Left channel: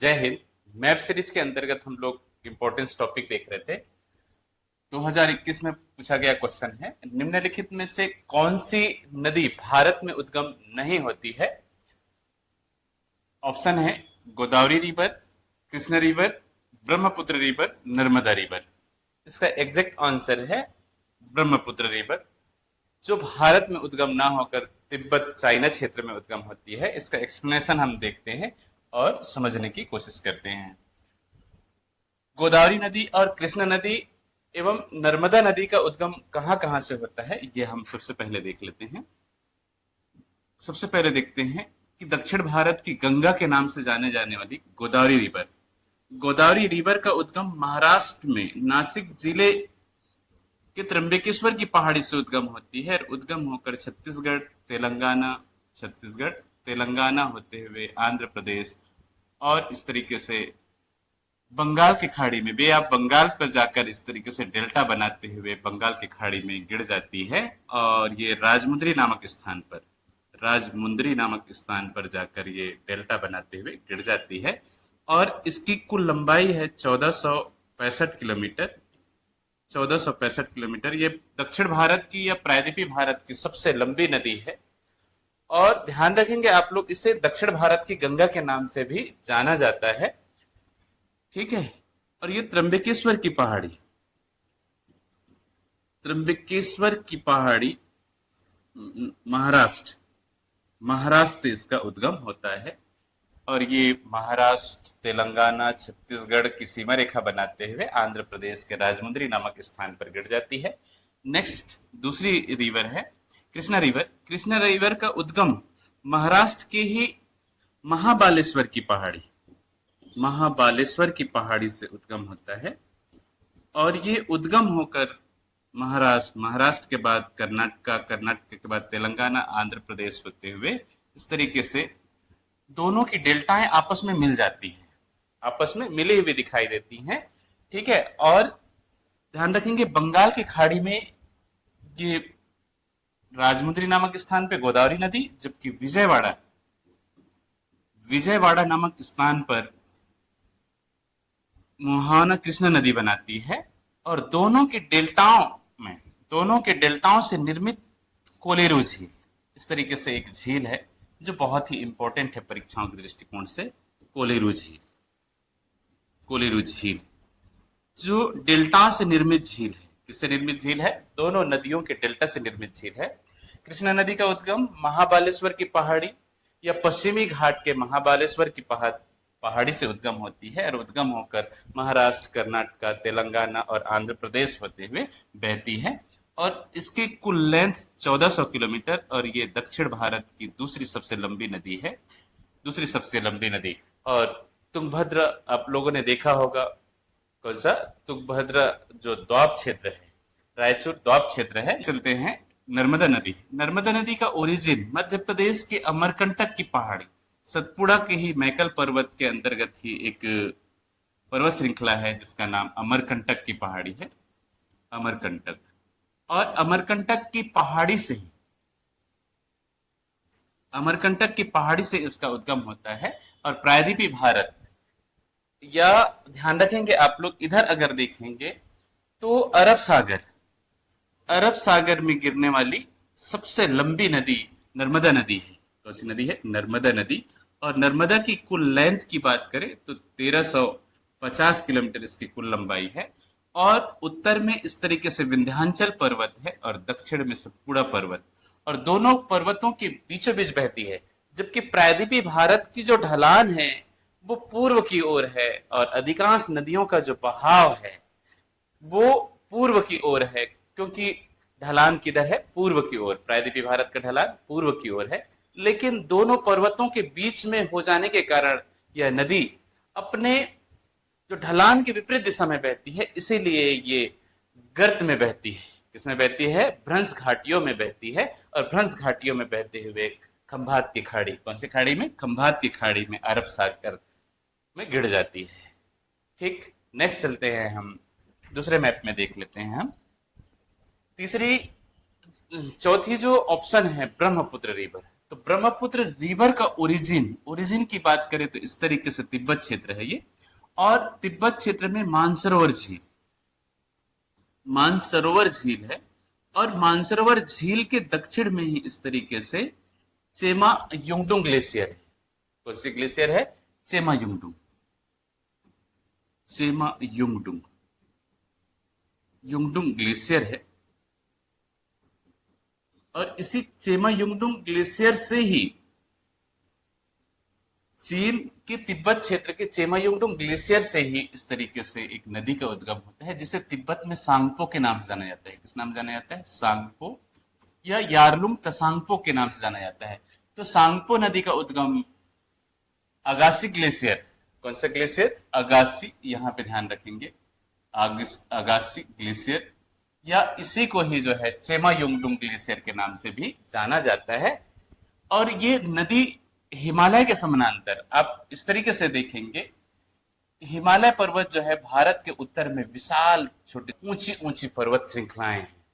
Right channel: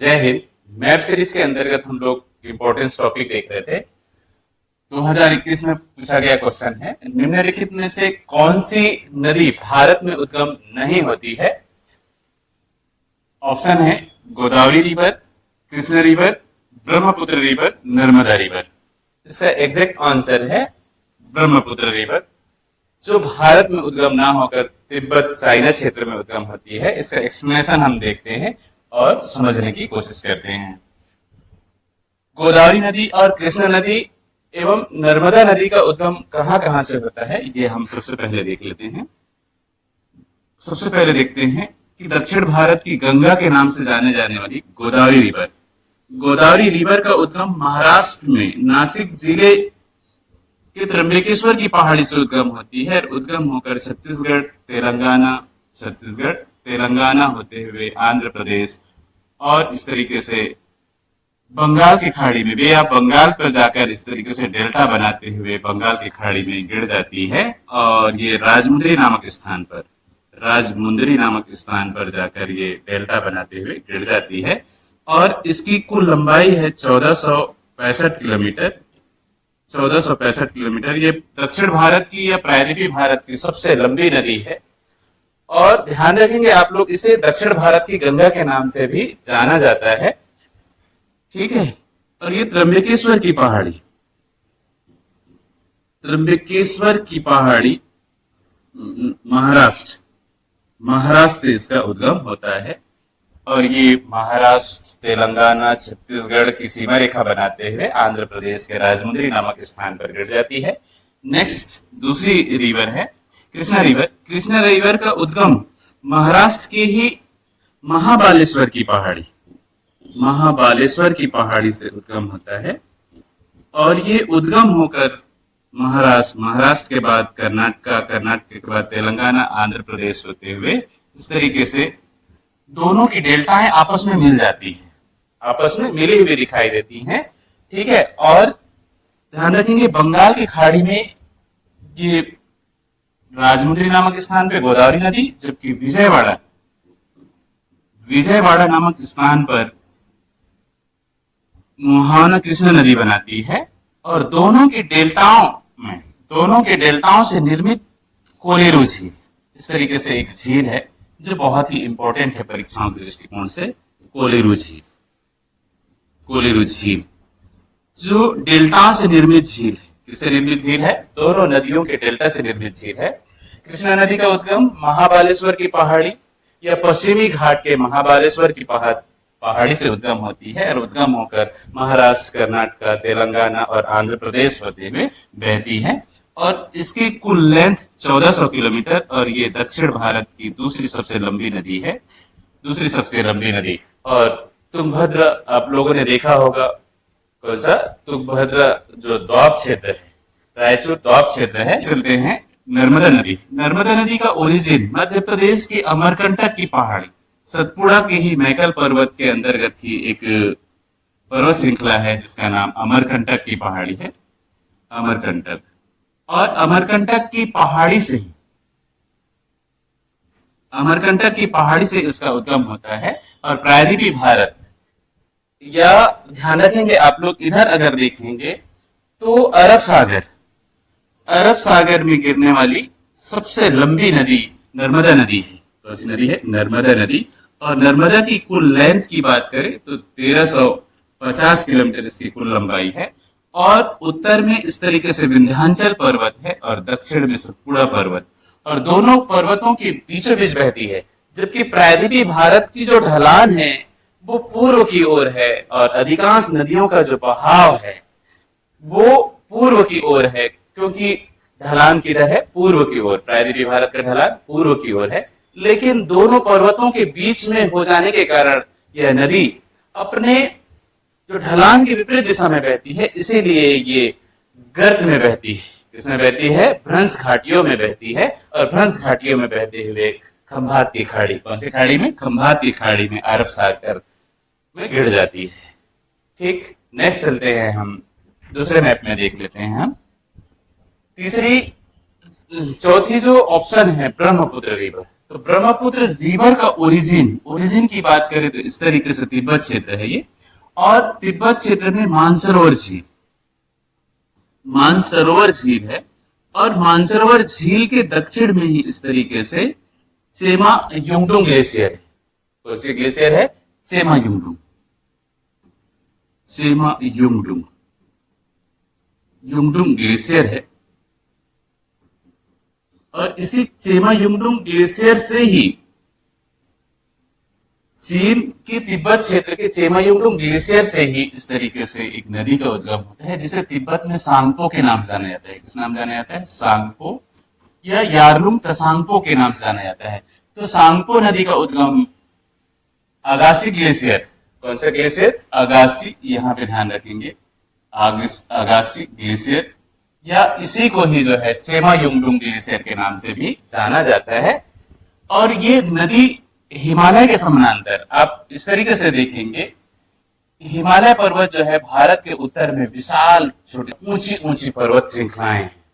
जय Hind. Map series के अंतर्गत हम लोग इम्पोर्टेंस टॉपिक देख रहे थे। 2021 में पूछा गया क्वेश्चन है, निम्नलिखित में से कौन सी नदी भारत में उद्गम नहीं होती है। ऑप्शन है Godavari river, Krishna river, Brahmaputra river, Narmada river. इसका एग्जैक्ट आंसर है ब्रह्मपुत्र रिवर, जो भारत में उद्गम ना होकर तिब्बत चाइना क्षेत्र में उद्गम होती है। इसका एक्सप्लेनेशन हम देखते हैं और समझने की कोशिश करते हैं। गोदावरी नदी और कृष्ण नदी एवं नर्मदा नदी का उद्गम कहां कहां से होता है, ये हम सबसे पहले देख लेते हैं। सबसे पहले देखते हैं कि दक्षिण भारत की गंगा के नाम से जाने जाने वाली गोदावरी रिवर, गोदावरी रिवर का उद्गम महाराष्ट्र में नासिक जिले के त्र्यंबकेश्वर की पहाड़ी से उद्गम होती है। उद्गम होकर छत्तीसगढ़ तेलंगाना होते हुए आंध्र प्रदेश और इस तरीके से बंगाल की खाड़ी में, वे आप बंगाल पर जाकर इस तरीके से डेल्टा बनाते हुए बंगाल की खाड़ी में गिर जाती है और ये राजमुंदरी नामक स्थान पर जाकर ये डेल्टा बनाते हुए गिर जाती है। और इसकी कुल लंबाई है 1465 किलोमीटर। 1465 किलोमीटर। ये दक्षिण भारत की या प्रायद्वीपीय भारत की सबसे लंबी नदी है और ध्यान रखेंगे आप लोग, इसे दक्षिण भारत की गंगा के नाम से भी जाना जाता है। ठीक है। और ये त्र्यंबकेश्वर की पहाड़ी महाराष्ट्र से इसका उद्गम होता है और ये महाराष्ट्र, तेलंगाना, छत्तीसगढ़ की सीमा रेखा बनाते हुए आंध्र प्रदेश के राजमुंदरी नामक स्थान पर गिर जाती है। नेक्स्ट दूसरी रिवर है कृष्णा रिवर। कृष्णा रिवर का उद्गम महाराष्ट्र के ही महाबालेश्वर की पहाड़ी से उद्गम होता है और ये उद्गम होकर महाराष्ट्र के बाद कर्नाटक के बाद तेलंगाना, आंध्र प्रदेश होते हुए इस तरीके से दोनों की डेल्टाएं आपस में मिल जाती हैं, आपस में मिली हुई दिखाई देती हैं। ठीक है। और ध्यान रखेंगे बंगाल की खाड़ी में ये राजमुंदरी नामक स्थान पे गोदावरी नदी, जबकि विजयवाड़ा नामक स्थान पर मुहाना कृष्ण नदी बनाती है और दोनों के डेल्टाओं से निर्मित कोलेरू झील, इस तरीके से एक झील है जो बहुत ही इंपॉर्टेंट है परीक्षाओं के दृष्टिकोण से। कोलेरू झील जो डेल्टा से निर्मित झील है। किससे निर्मित झील है? दोनों नदियों के डेल्टा से निर्मित झील है। कृष्णा नदी का उद्गम महाबालेश्वर की पहाड़ी या पश्चिमी घाट के महाबालेश्वर की पहाड़ी से उद्गम होती है और उद्गम होकर महाराष्ट्र, कर्नाटक, तेलंगाना और आंध्र प्रदेश होते हुए बहती है और इसकी कुल लेंथ 1400 किलोमीटर और ये दक्षिण भारत की दूसरी सबसे लंबी नदी। और तुंगभद्र आप लोगों ने देखा होगा, कौन सा? तुंगभद्र जो द्वाब क्षेत्र है, रायचूर द्वाब क्षेत्र है। चलते हैं नर्मदा नदी का ओरिजिन मध्य प्रदेश के अमरकंटक की पहाड़ी सतपुड़ा के ही मैकल पर्वत के अंतर्गत ही एक पर्वत श्रृंखला है जिसका नाम अमरकंटक की पहाड़ी है। और अमरकंटक की पहाड़ी से इसका उद्गम होता है और प्रायद्वीपीय भारत, या ध्यान रखेंगे आप लोग, इधर अगर देखेंगे तो अरब सागर में गिरने वाली सबसे लंबी नदी नर्मदा नदी है। कौन सी नदी है? नर्मदा नदी। और नर्मदा की कुल लेंथ की बात करें तो 1350 किलोमीटर इसकी कुल लंबाई है और उत्तर में इस तरीके से विंध्याचल पर्वत है और दक्षिण में सतपुड़ा पर्वत, और दोनों पर्वतों के बीचों बीच बहती है। जबकि प्रायद्वीपीय भारत की जो ढलान है वो पूर्व की ओर है और अधिकांश नदियों का जो बहाव है वो पूर्व की ओर है, क्योंकि ढलान किधर है? पूर्व की ओर। प्रायद्वीपीय भारत का ढलान पूर्व की ओर है, लेकिन दोनों पर्वतों के बीच में हो जाने के कारण यह नदी अपने जो ढलान की विपरीत दिशा में बहती है, इसीलिए ये गर्त में बहती है। किसमें बहती है? भ्रंश घाटियों में बहती है और भ्रंश घाटियों में बहते हुए खंभात की खाड़ी, कौन सी खाड़ी में? खंभात की खाड़ी में अरब सागर में गिर जाती है। ठीक। नेक्स्ट चलते हैं, हम दूसरे मैप में देख लेते हैं। हम चौथी जो ऑप्शन है ब्रह्मपुत्र रिवर, तो ब्रह्मपुत्र रिवर का ओरिजिन की बात करें तो इस तरीके से तिब्बत क्षेत्र है ये। और तिब्बत क्षेत्र में मानसरोवर झील है। और मानसरोवर झील के दक्षिण में ही इस तरीके से चेमा युंगडुंग ग्लेशियर है। कौन सी ग्लेशियर है? चेमा युंगडुंग ग्लेशियर है। और इसी चेमा युंगडुंग ग्लेशियर से ही चीन के तिब्बत क्षेत्र के चेमा युंगडुंग ग्लेशियर से ही इस तरीके से एक नदी का उद्गम होता है, जिसे तिब्बत में सांगपो के नाम से जाना जाता है। किस नाम जाना जाता है? सांगपो या यारलुंग तसांगपो के नाम से जाना जाता है। तो सांगपो नदी का उद्गम अगासी ग्लेशियर, कौन सा ग्लेशियर? अगासी, यहाँ पे ध्यान रखेंगे, अगासी ग्लेशियर, या इसी को ही जो है चेमा युंगडुंग ग्लेशियर के नाम से भी जाना जाता है। और ये नदी हिमालय के समानांतर, आप इस तरीके से देखेंगे, हिमालय पर्वत जो है भारत के उत्तर में विशाल छोटी ऊंची ऊंची पर्वत श्रृंखलाएं हैं।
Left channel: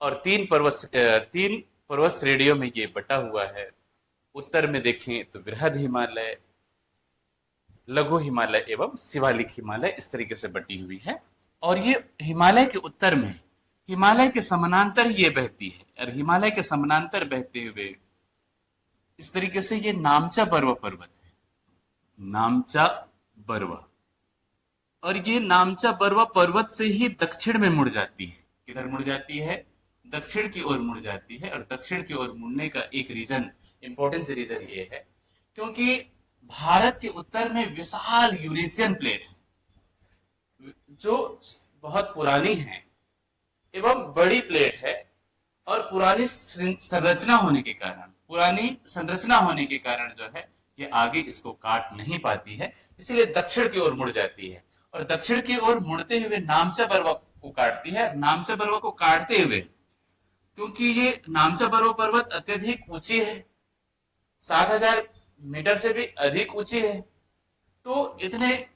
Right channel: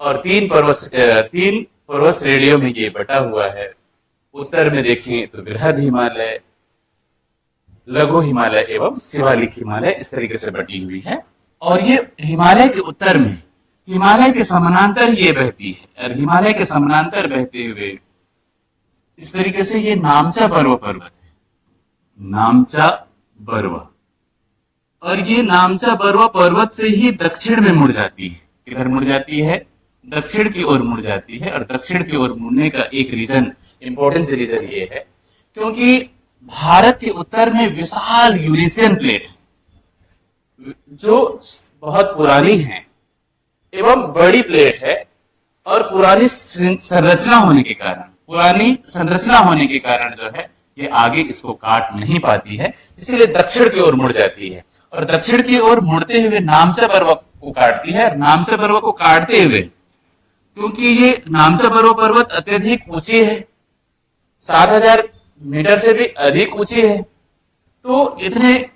और तीन पर्वत श्रेणियों में ये बटा हुआ है। उत्तर में देखें तो बृहद हिमालय, लघु हिमालय एवं शिवालिक हिमालय इस तरीके से बटी हुई है। और ये हिमालय के उत्तर में हिमालय के समानांतर ये बहती है। और हिमालय के समानांतर बहते हुए इस तरीके से ये नामचा बरवा पर्वत है, नामचा बरवा। और ये नामचा बरवा पर्वत से ही दक्षिण में मुड़ जाती है। किधर मुड़ जाती है? दक्षिण की ओर मुड़ जाती है। और दक्षिण की ओर मुड़ने का एक रीजन, इंपॉर्टेंट रीजन ये है क्योंकि भारत के उत्तर में विशाल यूरेशियन प्लेट है, जो बहुत पुरानी है एवं बड़ी प्लेट है। और पुरानी संरचना होने के कारण जो है ये आगे इसको काट नहीं पाती है, इसीलिए दक्षिण की ओर मुड़ जाती है। और दक्षिण की ओर मुड़ते हुए नामचा बरवा को काटती है। नामचा बरवा को काटते हुए, क्योंकि ये नामचा बरवा पर्वत अत्यधिक ऊंची है, 7000 मीटर से भी अधिक ऊंची है, तो इतने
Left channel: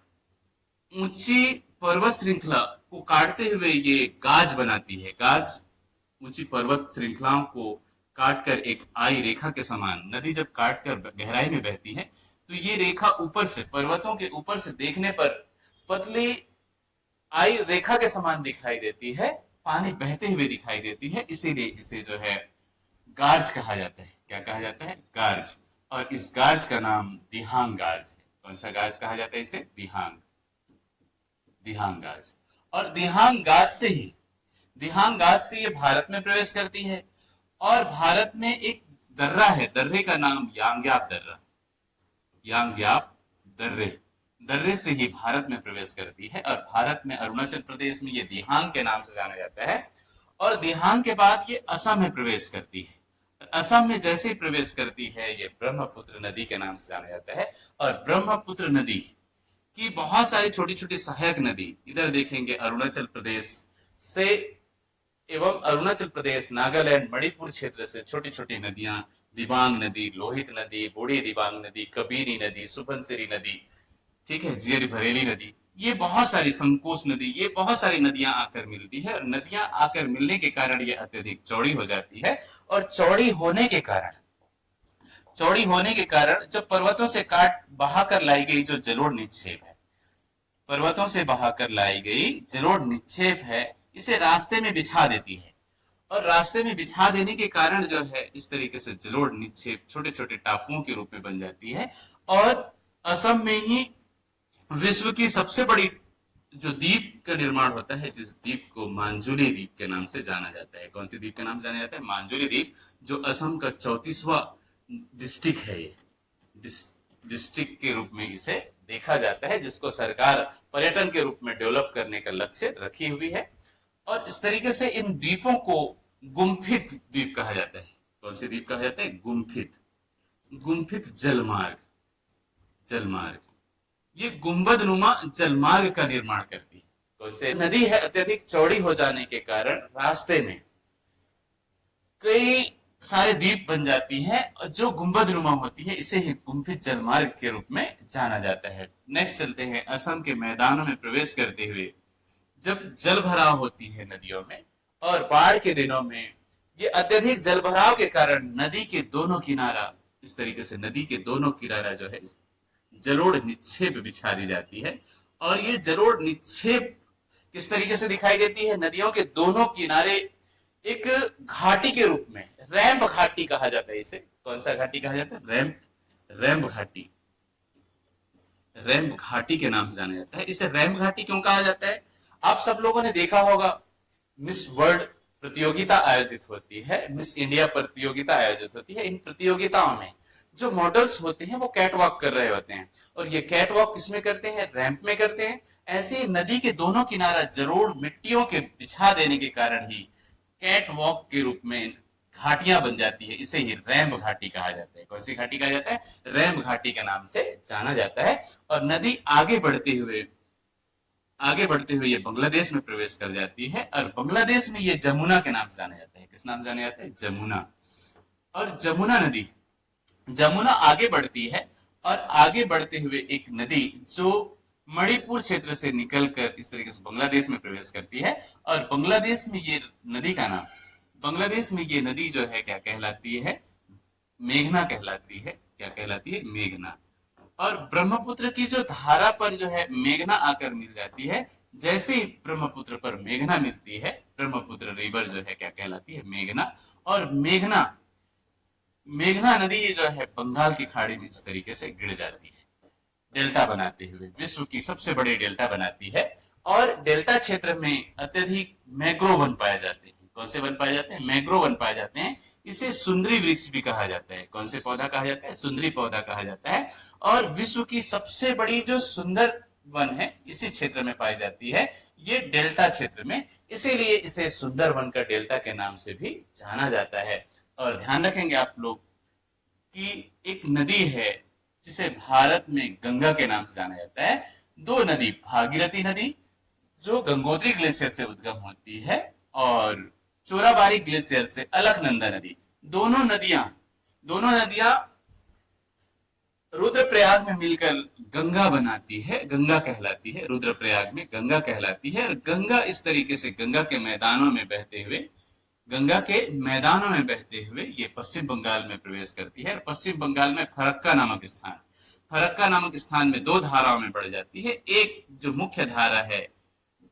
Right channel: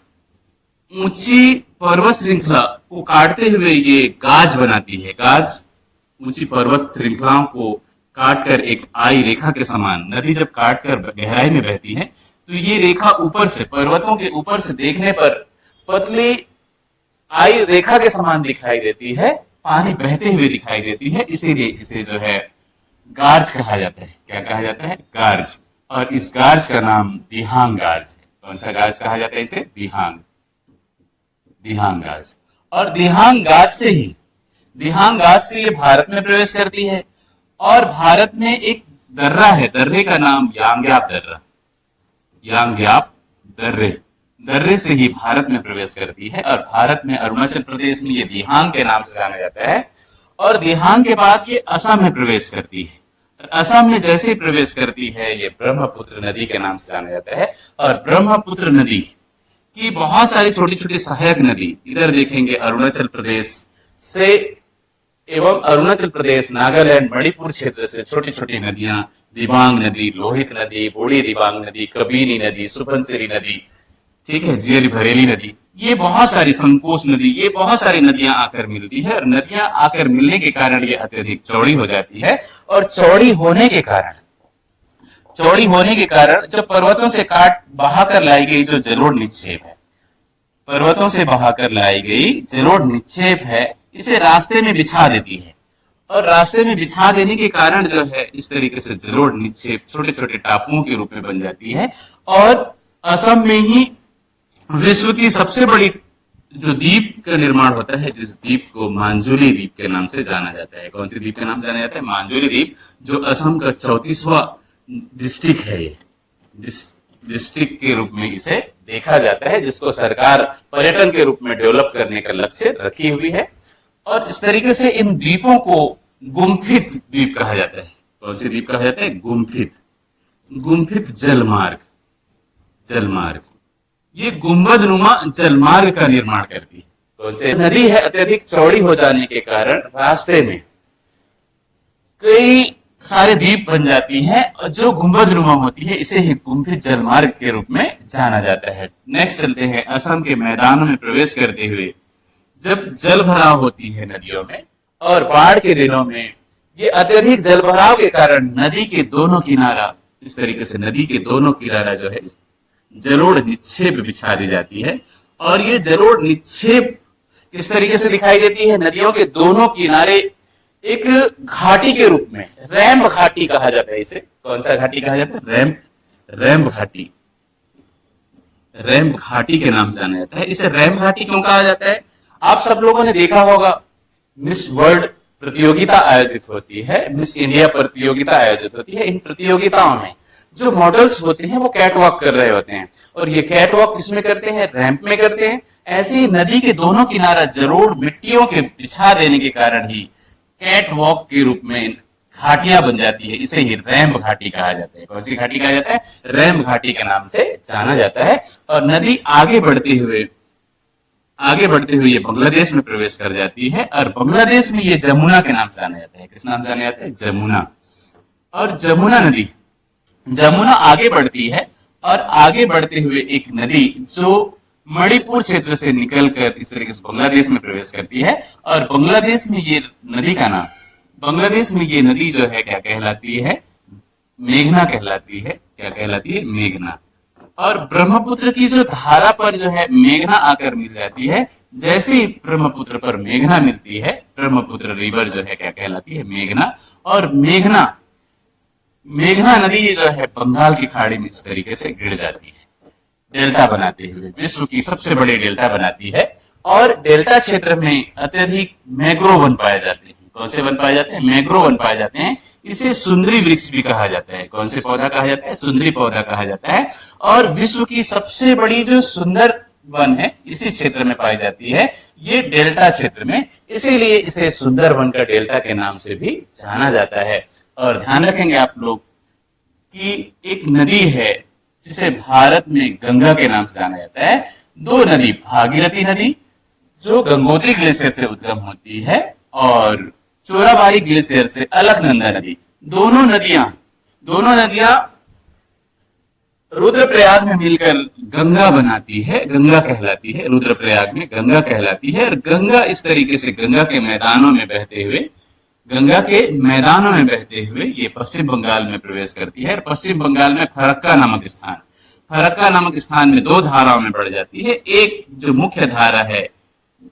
ऊंची पर्वत श्रृंखला को काटते हुए ये गाज बनाती है। गाज ऊंची पर्वत श्रृंखलाओं को काटकर एक आई रेखा के समान, नदी जब काटकर गहराई में बहती है तो ये रेखा ऊपर से, पर्वतों के ऊपर से देखने पर पतली आई रेखा के समान दिखाई देती है, पानी बहते हुए दिखाई देती है। इसीलिए इसे जो है गार्ज कहा जाता है। क्या कहा जाता है? गार्ज। और इस गार्ज का नाम दिहांग गार्ज है। कौन सा गार्ज कहा जाता है इसे? दिहांग गार्ज। और दिहांग गाज से ये भारत में प्रवेश करती है। और भारत में एक दर्रा है, दर्रे का नाम यांग्याप दर्रे से ही भारत में प्रवेश करती है। और भारत में अरुणाचल प्रदेश में ये दिहांग के नाम से जाना जाता है। और दिहांग के बाद ये असम में प्रवेश करती है। असम में जैसे प्रवेश करती है ये ब्रह्मपुत्र नदी के नाम से जाना जाता है। और ब्रह्मपुत्र नदी की बहुत सारी छोटी छोटी सहायक नदी, इधर देखेंगे अरुणाचल प्रदेश से एवं अरुणाचल प्रदेश, नागालैंड, मणिपुर क्षेत्र से छोटी छोटी नदियां, दिबांग नदी, लोहित नदी, बूढ़ी दिबांग नदी, कबीनी नदी, सुबनसिरी नदी, ठीक है, जियरी भरेली नदी, ये बहुत सारी, संकोच नदी, ये बहुत सारी नदियां आकर मिलती है। और नदियां आकर मिलने के कारण ये अत्यधिक चौड़ी हो जाती है। और चौड़ी होने के कारण जब पर्वतों से काट बहाकर लाई गई जो जलोढ़ निक्षेप है, पर्वतों से बहाकर लाई गई जलोढ़ निक्षेप है, इसे रास्ते में बिछा देती है। और रास्ते में बिछा देने के कारण जो है इस तरीके से जलोढ़ निक्षेप छोटे छोटे टापुओं के रूप में बन जाती है। और असम में ही विश्व की सबसे बड़ी जो द्वीप का निर्माण होता है, जिस द्वीप को मांजुली द्वीप के नाम से जाना जाता है। कौन सी द्वीप के नाम जाना जाता है? मांजुली द्वीप, जो असम का 34वां डिस्ट्रिक्ट है। ये डिस्ट्रिक्ट के रूप में इसे देखा जाता है, जिसको सरकार पर्यटन के रूप में डेवलप करने का लक्ष्य रखी हुई है। और इस तरीके से इन द्वीपों को गुम्फित द्वीप कहा जाता है। कौन सी द्वीप कहा जाता है? गुम्फित जलमार्ग। ये गुंबदनुमा जलमार्ग का निर्माण करती है। कौन सी नदी है? अत्यधिक चौड़ी हो जाने के कारण रास्ते में कई सारे द्वीप बन जाती हैं और जो गुंबदनुमा होती है, इसे ही गुम्फित जलमार्ग के रूप में जाना जाता है। नेक्स्ट चलते हैं। असम के मैदानों में प्रवेश करते हुए जब जल भराव होती है नदियों में, और बाढ़ के दिनों में ये अत्यधिक जल भराव के कारण नदी के दोनों किनारा इस तरीके से नदी के दोनों किनारा जो है जलोढ़ निक्षेप बिछा दी जाती है। और ये जलोढ़ निक्षेप किस तरीके से दिखाई देती है? नदियों के दोनों किनारे एक घाटी के रूप में, रैम्प घाटी कहा जाता है इसे। कौन सा घाटी कहा जाता है? रैम्प घाटी। रैम्प घाटी के नाम से जाना जाता है। इसे रैम्प घाटी क्यों कहा जाता है? आप सब लोगों ने देखा होगा, मिस वर्ल्ड प्रतियोगिता आयोजित होती है, मिस इंडिया प्रतियोगिता आयोजित होती है। इन प्रतियोगिताओं में जो मॉडल्स होते हैं वो कैट वॉक कर रहे होते हैं, और ये कैट वॉक किसमें करते हैं? रैंप में करते हैं। ऐसे ही नदी के दोनों किनारा जलोढ़ मिट्टियों के बिछा देने के कारण ही कैट वॉक के रूप में घाटियां बन जाती है। इसे ही रैम्प घाटी कहा जाता है। कौन सी घाटी कहा जाता है? रैम्प घाटी के नाम से जाना जाता है। और नदी आगे बढ़ते हुए ये बांग्लादेश में प्रवेश कर जाती है, और बांग्लादेश में ये जमुना के नाम से जाना जाता है। किस नाम से जाना जाता है? जमुना। और जमुना आगे बढ़ती है, और आगे बढ़ते हुए एक नदी जो मणिपुर क्षेत्र से निकलकर इस तरीके से बांग्लादेश में प्रवेश करती है। और बांग्लादेश में ये नदी जो है क्या कहलाती है? मेघना कहलाती है। क्या कहलाती है? मेघना। और ब्रह्मपुत्र की जो धारा पर जो है मेघना आकर मिल जाती है। जैसे ही ब्रह्मपुत्र पर मेघना मिलती है, ब्रह्मपुत्र रिवर जो है क्या कहलाती है? मेघना। और मेघना नदी जो है बंगाल की खाड़ी में इस तरीके से गिर जाती है, डेल्टा बनाते हुए विश्व की सबसे बड़ी डेल्टा बनाती है। और डेल्टा क्षेत्र में अत्यधिक मैंग्रोव वन पाए जाते हैं। कौन से वन पाए जाते हैं? मैंग्रोव वन पाए जाते हैं। इसे सुंदरी वृक्ष भी कहा जाता है। कौन से पौधा कहा जाता है? सुंदरी पौधा कहा जाता है। और विश्व की सबसे बड़ी जो सुंदर वन है इसी क्षेत्र में पाई जाती है, ये डेल्टा क्षेत्र में। इसीलिए इसे सुंदर वन का डेल्टा के नाम से भी जाना जाता है। और ध्यान रखेंगे आप लोग कि एक नदी है जिसे भारत में गंगा के नाम से जाना जाता है। दो नदी, भागीरथी नदी जो गंगोत्री ग्लेशियर से उद्गम होती है, और चोराबाड़ी ग्लेशियर से अलकनंदा नदी। दोनों नदियां रुद्रप्रयाग में मिलकर गंगा बनाती है, गंगा कहलाती है। रुद्रप्रयाग में गंगा कहलाती है। और गंगा इस तरीके से गंगा के मैदानों में बहते हुए ये पश्चिम बंगाल में प्रवेश करती है। और पश्चिम बंगाल में फरक्का नामक स्थान में दो धाराओं में बढ़ जाती है। एक जो मुख्य धारा है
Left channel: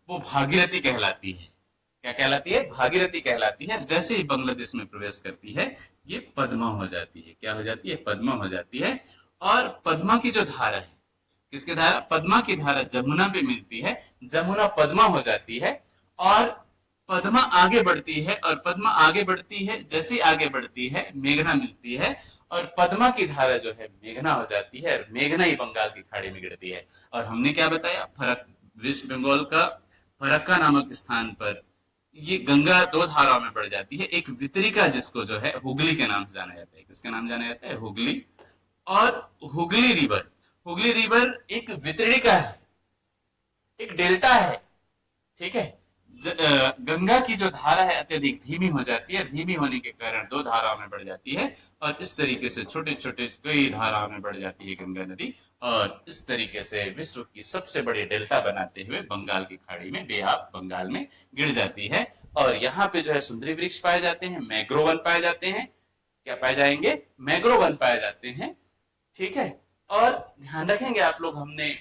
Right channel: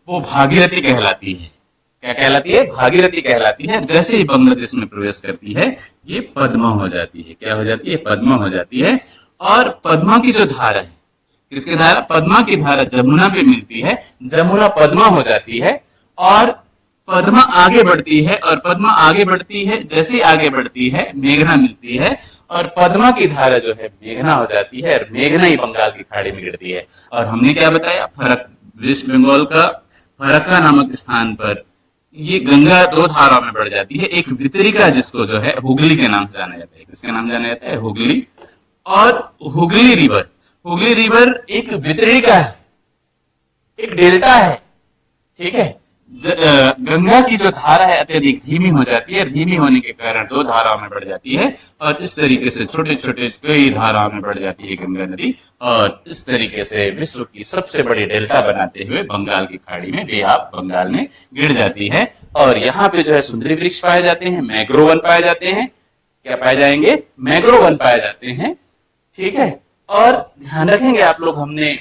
वो भागीरथी कहलाती है। क्या कहलाती है? भागीरथी कहलाती है। जैसे ही बांग्लादेश में प्रवेश करती है ये पद्मा हो जाती है। क्या हो जाती है? पद्मा हो जाती है। और पद्मा की जो धारा है, किसकी धारा? पद्मा की धारा जमुना पे मिलती है, जमुना पद्मा हो जाती है। और पद्मा आगे बढ़ती है, और पद्मा आगे बढ़ती है, जैसे आगे बढ़ती है मेघना मिलती है, और पद्मा की धारा जो है मेघना हो जाती है, और मेघना ही बंगाल की खाड़ी में गिरती है। और हमने क्या बताया? वेस्ट बंगाल का फरक्का नामक स्थान पर ये गंगा दो धाराओं में बढ़ जाती है। एक वितरिका जिसको जो है हुगली के नाम से जाना जाता है। किसके नाम जाना जाता है? हुगली। और हुगली रिवर एक वितरिका है, एक डेल्टा है। ठीक है। गंगा की जो धारा है अत्यधिक धीमी हो जाती है, धीमी होने के कारण दो धाराओं में बढ़ जाती है, और इस तरीके से छोटे छोटे कई धाराओं में बढ़ जाती है गंगा नदी। और इस तरीके से विश्व की सबसे बड़ी डेल्टा बनाते हुए बंगाल की खाड़ी में, बे ऑफ बंगाल में गिर जाती है। और यहाँ पे जो है सुंदरी वृक्ष पाए जाते हैं, मैंग्रोव वन पाए जाते हैं। क्या पाए जाएंगे? मैंग्रोव वन पाए जाते हैं। ठीक है। और ध्यान रखेंगे आप लोग, हमने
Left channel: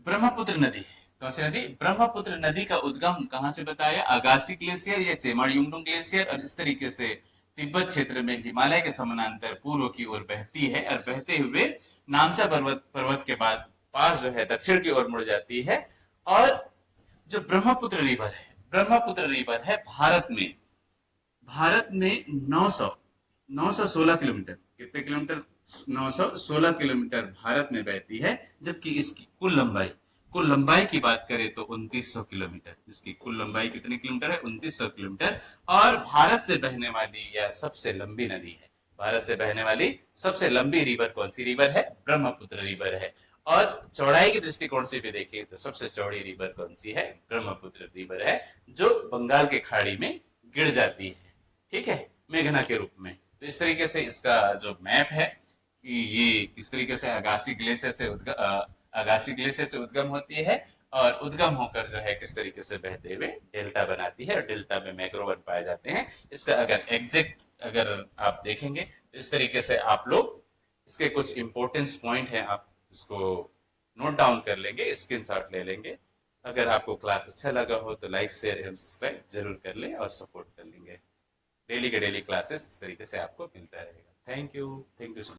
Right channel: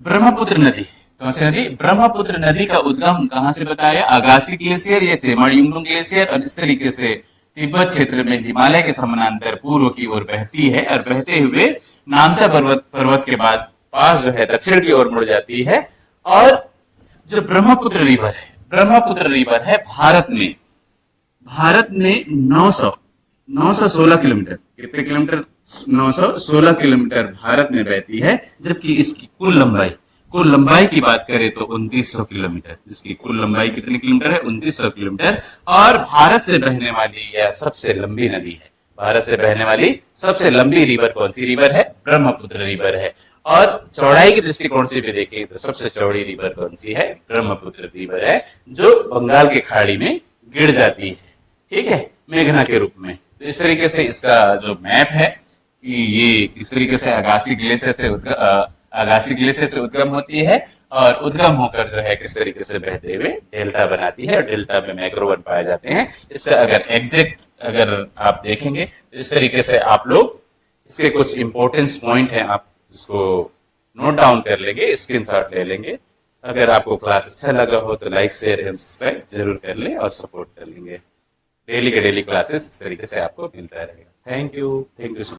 ब्रह्मपुत्र नदी, कौन सी नदी? ब्रह्मपुत्र नदी का उद्गम कहां से बताया? अगासी ग्लेशियर या चेमायुंगडुंग ग्लेशियर। और इस तरीके से तिब्बत क्षेत्र में हिमालय के समानांतर पूर्व की ओर बहती है, और बहते हुए नामसा पर्वत के बाद पास जो है दक्षिण की ओर मुड़ जाती है। और जो ब्रह्मपुत्र रिवर है भारत में 916 किलोमीटर, कितने किलोमीटर? 916 किलोमीटर भारत में बहती है। जबकि इसकी कुल लंबाई की बात करें तो 2900 किलोमीटर। इसकी कुल लंबाई कितने किलोमीटर है? 2900 किलोमीटर। और भारत से बहने वाली यह सबसे लंबी नदी है। भारत से बहने वाली सबसे लंबी रिवर कौन सी रिवर है? ब्रह्मपुत्र रिवर है। और चौड़ाई के दृष्टिकोण से भी देखें तो सबसे चौड़ी रिवर कौन सी है? ब्रह्मपुत्र रिवर है, जो बंगाल की खाड़ी में गिर जाती है। ठीक है, मेघना के रूप में। तो इस तरीके से इसका जो मैप है कि ये किस तरीके से अगासी ग्लेशियर से उद्गम होती है और उद्गम होकर जो है किस तरीके से बहते हुए डेल्टा बनाती है और डेल्टा में मैक्रोवन पाए जाते हैं। इसका अगर एग्जैक्ट अगर आप देखेंगे तो इस तरीके से आप लोग इसके कुछ इंपॉर्टेंस पॉइंट हैं, आप इसको नोट डाउन कर लेंगे, स्क्रीनशॉट ले लेंगे। अगर आपको क्लास अच्छा लगा हो तो लाइक शेयर एवं सब्सक्राइब जरूर कर लें और सपोर्ट कर लेंगे। डेली के डेली क्लासेस इस तरीके से आपको मिलता रहेगा। Thank you.